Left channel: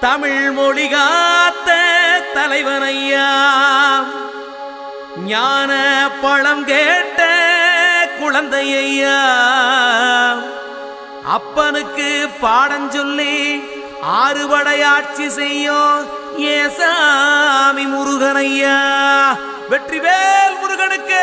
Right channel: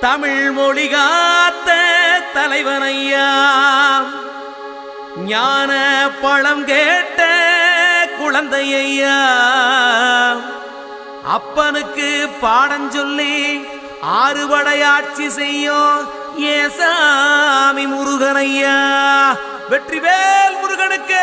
தமிழ் மொழி காத்த தலைவனையா, ஞான பழம் கேட்ட குழந்தையா, அப்பனுக்கு பாடஞ்சொல்லி ஆறுபடையாட்சி செய்யும் ஏசாமி முருகனையா. வெற்றிவேல் முருகனுக்கு.